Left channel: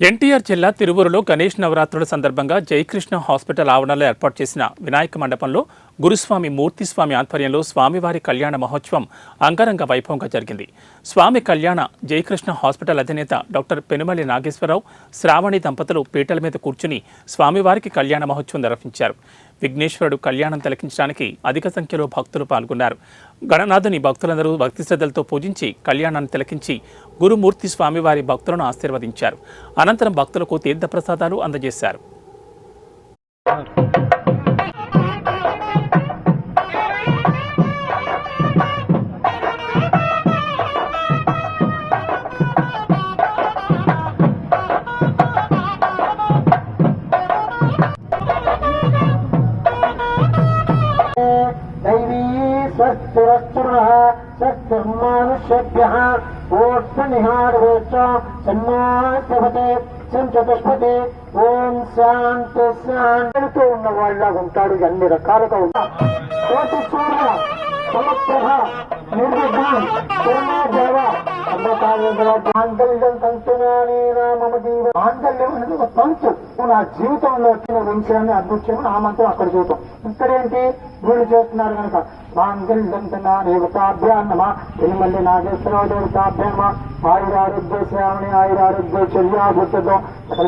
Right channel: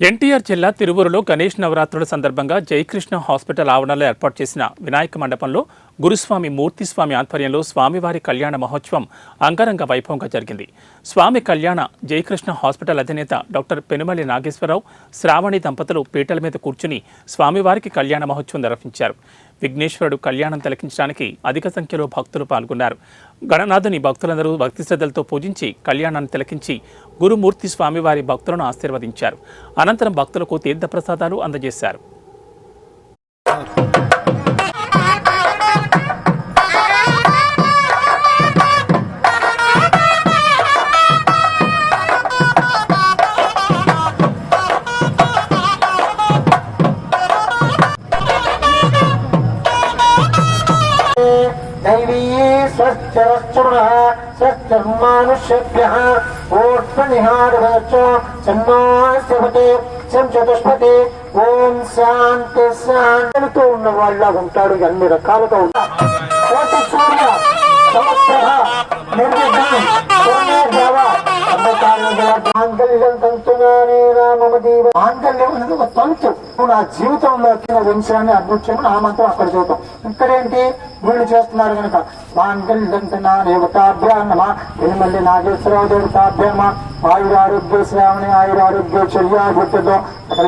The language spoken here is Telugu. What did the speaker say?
ఎన్టీఆర్ జిల్లా తిరువూరులో గణేష్ నవరాత్రుల సందర్భంగా జయకృష్ణ హాస్పిటల్ ఆవరణలో ఏర్పాటు చేసిన వినాయక మండపంలో గురుస్వామి మూర్తిస్వామి ఆధ్వర్యంలో స్వామివారి కళ్యాణ మహోత్సవం అంగరంగ వైభవంగా జరిగింది. స్వామి కళ్యాణ జయకృష్ణ హాస్పిటల్ అధినేత డాక్టర్ పెనుమల్లి నాగేశ్వరరావు, శ్రావణి దంపతులు పీటల మీద కూర్చుని స్వామివారికి కళ్యాణ మహోత్సవం నిర్వహించారు. విఘ్నేశ్వరుడు కళ్యాణం తిలకించడానికి అధిక సంఖ్యలో భక్తులు పాల్గొన్నారు. గణనాథుని భక్తులందరూ భక్తి శ్రద్ధలతో పూజించి కళ్యాణాన్ని తిలకించి గురుమూర్తి స్వామివారి భక్తులను ఆశీర్వదించారు. అనంతరం భక్తులకు తీర్థప్రసాదాలు అందజేశారు. स्वच्छमानुष्येभ्यः चतुष्पति ओम शांति शांति ఉన్న వాళ్ళ ఉంటాడు. అన్ని రకాలుగా ఉంటాడు. కోటి సూర్య సమప్రభ నిర్విఘ్నం పూర్ణోద్భవ మాంగళ్యం తంతునానే రామమ జీవ. మాంగళ్యం అనేది ఒక తంతు. నా జీవితంలో వంశాన్ని అదృశ్యం ఆ మాత్రం అక్కడ చూద్దాం. ఇక్కడేంటి వీళ్ళు చేస్తున్నారు కనుక మాంగళ్యం దేవతాభ్యాన్నమ పెనుమల్లి నాగేశ్వరరావు దేవతాభ్యామ ఆయురారోగ్య శ్రావణి ఆయురారోగ్య చర్యాభుద్ధం అక్కడ